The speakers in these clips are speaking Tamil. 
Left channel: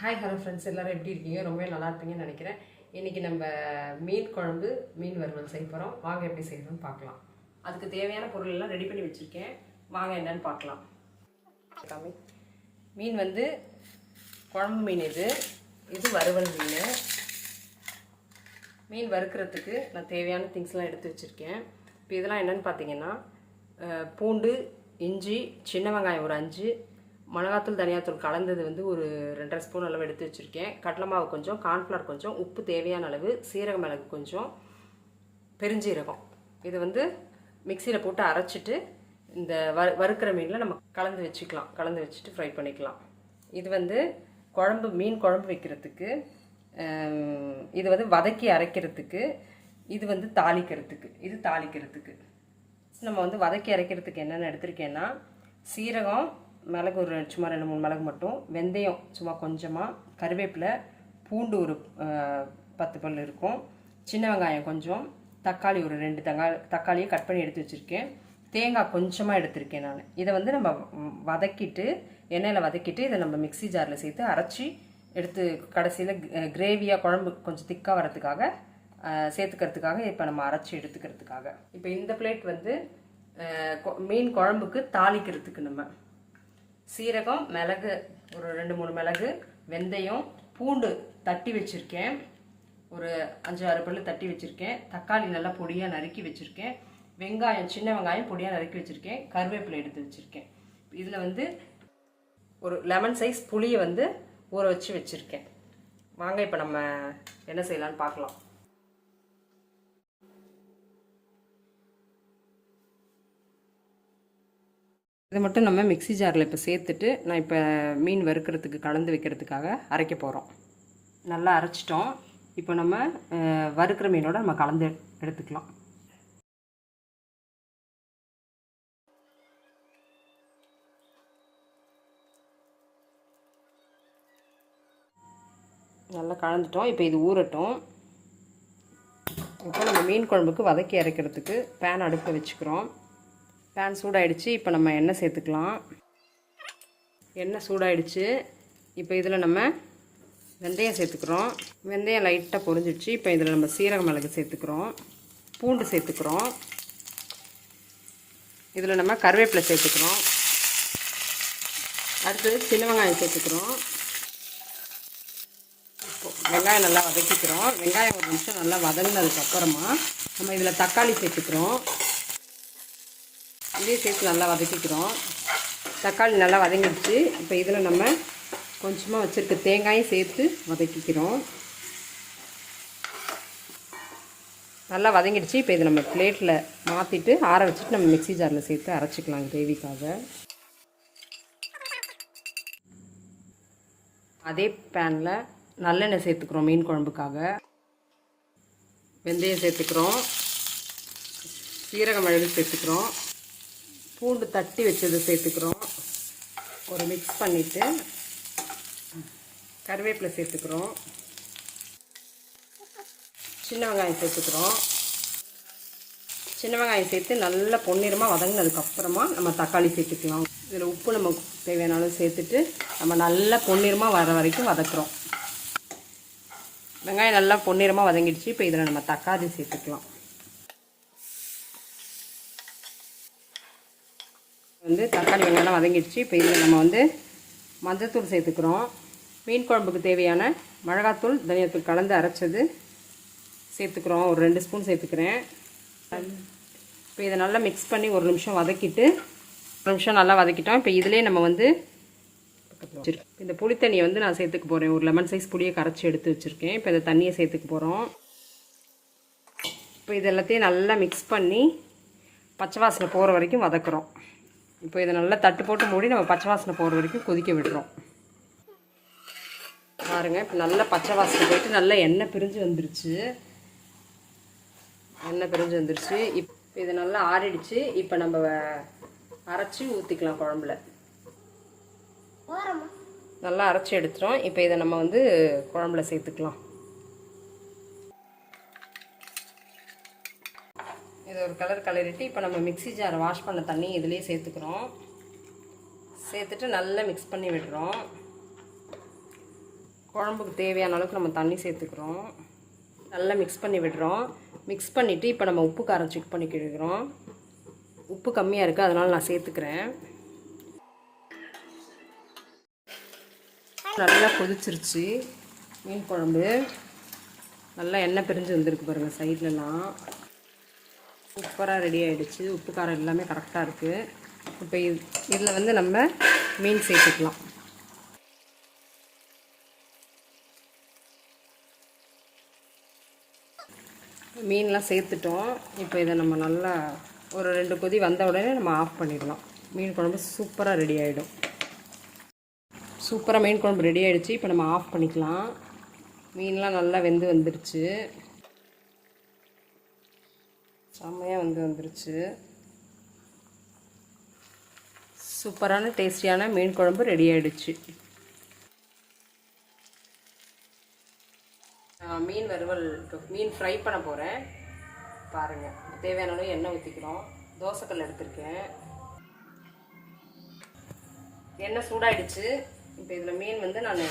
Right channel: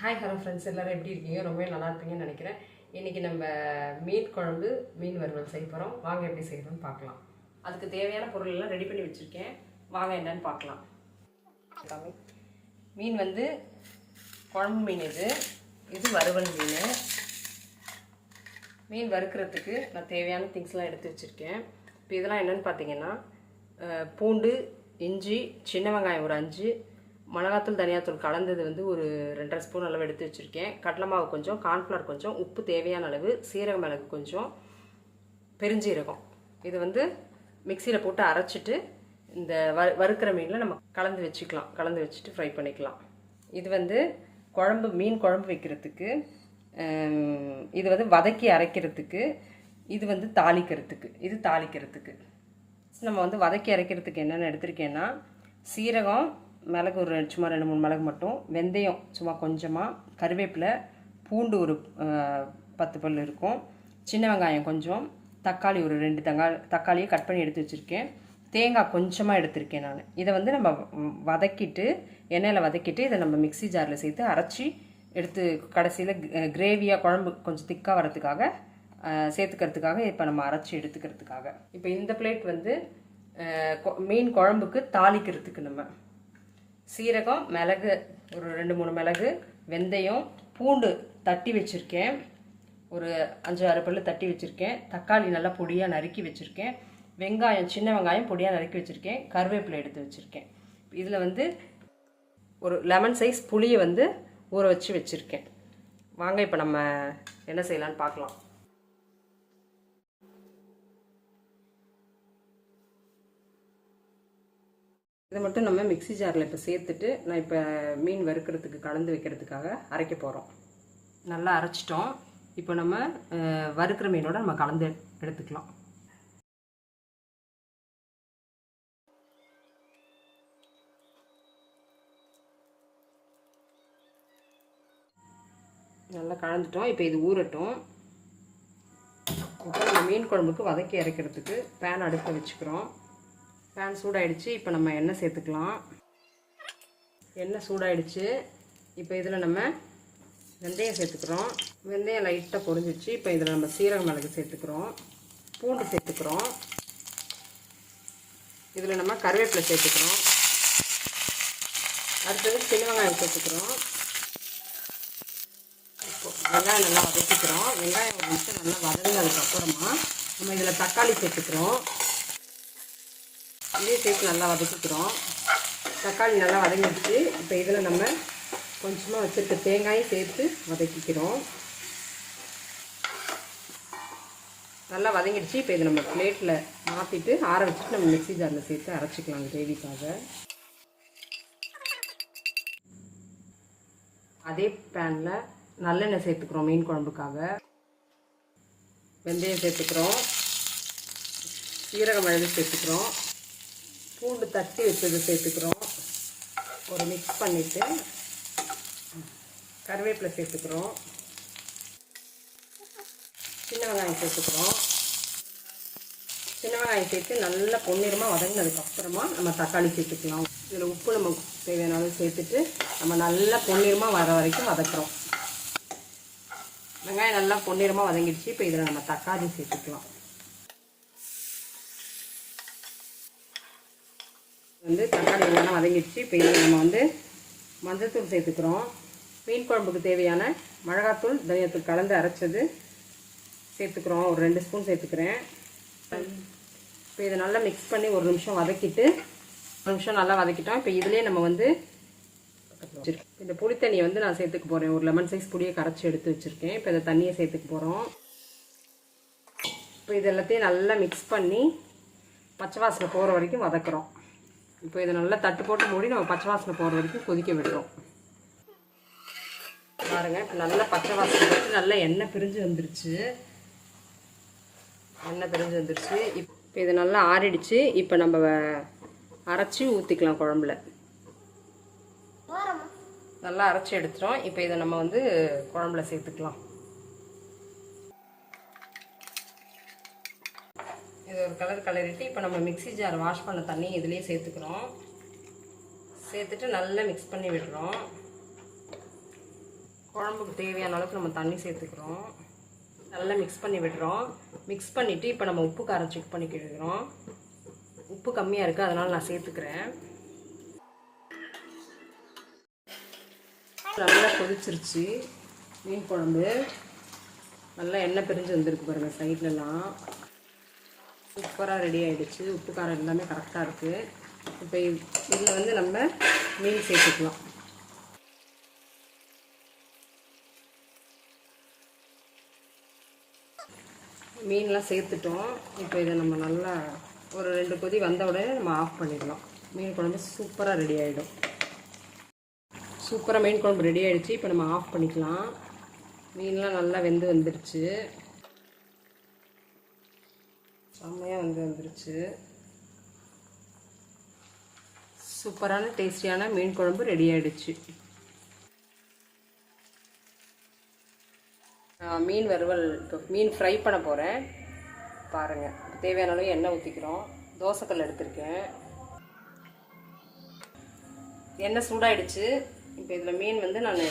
ஹாய் ஹலோ ஃப்ரெண்ட்ஸ் எல்லோரும் எப்படி இருக்கீங்க? ரொம்பவே நல்லா இருப்பீங்கன்னு நினைக்கிறேன். இன்றைக்கி நம்ம மீன் குழம்பு மீன் வறுவல் செய்ய போகிறோம் வாங்க எப்படி செய்யணும்னு பார்க்கலாம். அதுக்கு தேவையான பொருள் எல்லாம் ரெடி பண்ணி வச்சுருக்கேன். வாங்க என்னன்னு பார்க்கலாம். மீன் வந்து குழம்பு மீன் இது. இது வறுவல் மீன். மீன் வறுக்கிறதுக்கு நான் தேவையான திங்ஸ்லாம் எடுத்து வச்சுருக்கேன். இப்போ இதெல்லாம் என்னென்னு பார்த்தீங்கன்னா பூண்டு இஞ்சி சின்ன வெங்காயம் ஒரு அஞ்சு மிளகாத்தூள் தனியாத்தூள் கலந்தது வந்து ஒரு ரெண்டரை ஸ்பூன் அளவு எடுத்து வச்சுருக்கேன். கடலை மாவு கொஞ்சம் கார்ன்ஃப்ளவர் கொஞ்சம் உப்பு தேவையான அளவு சீரக மிளகு கொஞ்சம் பெருஞ்சீரகம். இது வந்து மிக்சியில் போட்டு அரைச்சிட்டு இந்த வறு வறுக்கிற மீனில் நம்ம கலந்து வச்சுக்கலாம். கலந்து வச்சுட்டு ஃப்ரை பண்ணிக்கலாம். இது வந்து குழம்பு மீன் குழம்பு வைக்கிறதுக்கு இது வந்து வதக்கி அரைக்கிறதுக்கு இது வந்து தாளிக்கிறதுக்கு இது தாளிக்கிறதுக்கு. நம்ம வந்து வதக்கி அரைக்கிறதுக்கு என்னென்ன எடுத்திருக்கேன்னா சீரகம் மிளகு ஒரு சும்மா ரெண்டு மூணு மிளகு மட்டும் வெந்தயம் சும்மா கொஞ்சமாக கருவேப்பிலை பூண்டு ஒரு பத்து பல் இருக்கும் சின்ன வெங்காயம் கொஞ்சம் தக்காளி ஒரு ரெண்டு தங்காளி தக்காளியை கட் பண்ணி எடுத்து வச்சுருக்கேன். தேங்காய் கொஞ்சமாக எடுத்திருக்கேன் நான். இதை வந்து நம்ம வ- வதக்கிட்டு எண்ணெயில் வதக்கிட்டு இதை நம்ம மிக்ஸி ஜாரில் சேர்த்து அரைச்சி எடுத்து கடைசியில் கிரேவியாக குழம்பு கொஞ்சம் திக்காக வரதுக்காக சேர்த்துக்கிறதுக்காக இப்போ நம்ம அரைச்சி எடுத்துக்கிறதுக்காக. இப்போ இந்த பிளேட் வந்து கொ- மீன் குழம்புக்கு தாளிக்கிறதுக்கு நம்ம சீரகம் மிளகு ஒரு ரெண்டு மூணு மிளகு வெந்தயம் பூண்டு தட்டி வச்சுருக்கேன். ஒரு அஞ்சு ஆறு பல்லு தட்டி வச்சுருக்கேன். தக்காளி நல்லா பொடியாக நறுக்கி வச்சுருக்கேன். வெங்காயம் சின்ன வெங்காயம் பொடியாக நறுக்கி வச்சுருக்கேன். கருவேப்பிலை எடுத்து வச்சுருக்கேன். இதில் வந்து ஒரு லெமன் சைஸ் புளியை வந்து ஊற வச்சு வச்சுருக்கேன். வாங்க இப்போ நம்ம என்ன செய்யலான்னு பார்க்கலாம். இதை மட்டும் நம்ம மிக்ஸி ஜாரில் இப்போ சேர்த்துட்டு நான் இப்போ மீன் வறுக்கிறதுக்கு கலந்து வைக்கிறதுக்காக அரைக்க போகிறோம். நல்லா அரைச்சிட்டோம். இப்போ நம்ம வறுக்கிற மீனோட நம்ம கலந்து எடுத்துக்கலாம். நல்லா கலந்துட்டோம். இப்போ இது ஊறட்டும். இப்போ நம்ம மீன் குழம்புக்கு வதக்கி அரைக்கிறதுக்கு பேன் அடுப்பை வச்சுக்கிறோம். பேன் சூடாயிடுச்சு. இப்போ நம்ம எண்ணெய் சேர்த்துக்கலாம். எண்ணெய் சூடாயிடுச்சு. இப்போ இதில் நம்ம வெந்தயம் சேர்த்துக்கிறோம். வெந்தயம் லைட்டாக பொரிஞ்சிடுச்சு. இப்போ இதில் நம்ம சீரக மிளகு சேர்த்துக்கிறோம். பூண்டு சேர்த்துக்கிறோம். இதில் நம்ம கருவேப்பிலை சேர்த்துக்கிறோம். அடுத்தது சின்ன வெங்காயம் சேர்த்துக்கிறோம். வெங்காயம் நல்லா வதக்கிக்கிறோம். வெங்காயம் ஒரு நிமிஷம் நல்லா வதங்கினதுக்கப்புறமா நம்ம இதில் தக்காளி சேர்த்துக்கிறோம். இதையும் சேர்த்து நல்லா வதக்கிக்கிறோம். தக்காளி நல்லா வதங்கிடுச்சு. இப்போ இதில் நம்ம கொஞ்சமாக வச்சுருக்க தேங்காயும் சேர்த்து வதக்கிக்கிறோம். நல்லா வதங்கிடுச்சு. இப்போ இதை நம்ம பிளேட்டில் மாற்றிட்டு ஆற வச்சுட்டு நம்ம மிக்ஸி ஜாரில் சேர்த்து அரைச்சிக்கலாம் கிரேவிக்காக. அதே பேனில் நல்லெண்ணெய் சேர்த்துக்கிறோம் மீன் குழம்புக்காக. வெந்தயம் சேர்த்துக்கிறோம். சீரக மிளகு சேர்த்துக்கிறோம். பூண்டு தட்டி வச்சதை சேர்த்துக்கிறோம். ஒரு மிக்ஸ் பண்ணிவிட்டு கருவேப்பிலை சேர்த்துக்கிறோம். சின்ன வெங்காயம் சேர்த்துக்கிறோம். சின்ன வெங்காயம் சேர்த்து நல்லா பொன்னிறமாக வதங்கினதுக்கப்புறமா நம்ம தக்காளி சேர்த்துக்கலாம். இதில் உப்பு நம்ம தேவையான அளவு சேர்த்துட்டு நம்ம நல்லா பொன்னிறமாக வர வரைக்கும் வதக்குறோம். வெங்காயம் நல்லா பொன்னிறமாக வதங்கிடுச்சு. இப்போ இதில் நம்ம தக்காளி சேர்த்துக்கலாம். வந்து தக்காளி எல்லாம் வதங்கிடுச்சு. இப்போ இதில் நம்ம வந்து மஞ்சத்தூள் சேர்த்துக்கிறோம். மீன் குழம்புக்கு தேவையான மிளகாத்தூள் தனியாத்தூள் கலந்து அரைச்சது சேர்த்துக்கிறோம். ஒரு ரெண்டு ஸ்பூன் சேர்த்துக்கிறேன். இப்போ இதை நல்லா மிக்ஸ் பண்ணி ஒரு நிமிஷம் வதக்கிட்டு ஒரு நிமிஷம் நல்லா வதக்கிட்டோம். இப்போ இதிலே நம்ம வந்து இந்த புளி தண்ணியை வந்து நான் சேர்த்துக்க போகிறேன் ஒரு லெமன் சைஸ் புளியை கரைச்சி எடுத்து வச்சுருக்கேன். இப்போ இந்த தண்ணியை சேர்த்துக்க போகிறோம் இப்போ இது எல்லாத்தையும் நல்லா மிக்ஸ் பண்ணி பச்சை வாசனை போகிற வரைக்கும் வதக்குறோம். இப்போ இதை நல்லா தட்டு போட்டு மூடி நம்ம பச்சை வாசனை போகிற வரைக்கும் கொதிக்க விடுறோம். பாருங்க இப்போ நல்லா பச்சை வாசனை போயிட்டு நல்லா எண்ணெய் பிரிஞ்சு வந்துருச்சு. எண்ணெய் பிரிஞ்சு வந்துருச்சு. இப்போ இது நல்லா ஆறிடுச்சு. இப்போ நம்ம அரைச்சி ஊற்றிக்கலாம் குழம்புல. நல்லா அரைச்சி எடுத்துட்டோம். இப்போ இதை நம்ம வந்து குழம்புல சேர்த்துக்கலாம் இது ஒரு கலர் கலரிட்டு இப்போ நம்ம மிக்ஸி ஜார் வாஷ் பண்ண தண்ணி இதுலேயே சேர்த்துக்கிறோம். சேர்த்துட்டு நல்லா மிக்ஸ் பண்ணி விடுறோம். குழம்புக்கு தேவையான அளவுக்கு நம்ம தண்ணி சேர்த்துக்கிறோம். நல்லா மிக்ஸ் பண்ணி விடுறோம். மிக்ஸ் பண்ணிவிட்டு இப்போ நம்ம உப்பு காரம் செக் பண்ணிக்கிடுக்கிறோம் உப்பு கம்மியாக இருக்குது அதனால் நான் சேர்த்துக்கிறேன். நல்லா கொதிச்சிருச்சு. மீன் குழம்பு. நல்லா எண்ணெய் பிரிஞ்சு வந்திருக்கு பாருங்கள் சைட்லலாம் சூப்பராக ரெடி ஆகிடுச்சு உப்பு காரம் எல்லாமே கரெக்டாக இருக்குது இப்போ இதில் வந்து நம்ம மீன் சேர்த்துக்கலாம். மீன்லாம் சேர்த்துட்டோம். இப்போ இதை நம்ம நல்லா ஒரு ரெண்டு கொதி வந்த உடனே நம்ம ஆஃப் பண்ணிடலாம். மீன் குழம்பு சூப்பராக ரெடி ஆகிடும் சூப்பராக மீன் குழம்பு ரெடி ஆகிடுச்சு இப்போ நம்ம ஆஃப் பண்ணிக்கலாம். மீன்லாம் நல்லா வெந்து வந்துடுச்சு செம்மையாக வந்து வந்துருச்சு. சூப்பரான டேஸ்டியான மீன் குழம்பு ரெடி ஆகிடுச்சு நான் மீன் வறுவல் இப்போ மீன் ஃப்ரை பண்ண போகிறேன் பாருங்கள் தேவையான அளவு எண்ணெய் ஊற்றிக்கிறோம் தோசைக்கல் எடுத்திருக்கேன். எண்ணெய் சூடாயிடுச்சு. இப்போ இதில் மீன் வந்து நான்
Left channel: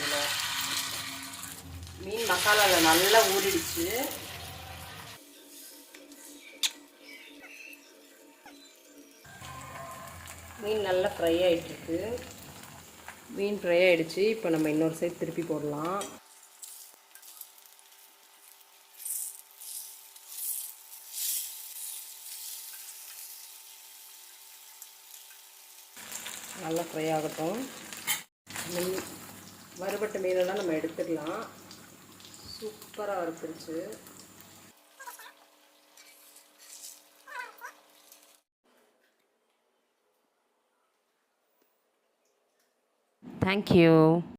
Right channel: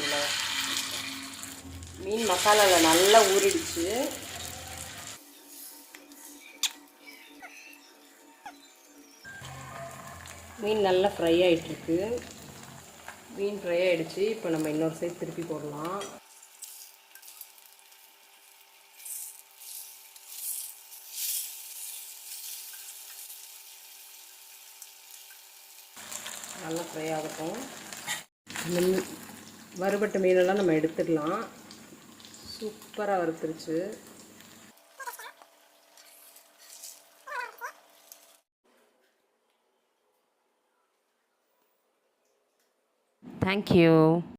மீன் மசாலாவில் நல்லா ஊறிடுச்சு. மீன் நல்லா ஃப்ரை ஆகிட்டுருக்கு மீன் ஃப்ரை ஆகிடுச்சு இப்போ நம்ம இன்னொரு சைட் திருப்பி போடலாம். நல்லா ஃப்ரை ஆகட்டும். மீன் வறுபட்ட மீனெல்லாம் நம்ம எடுத்துக்கலாம். சூப்பராக வறுத்துருச்சு.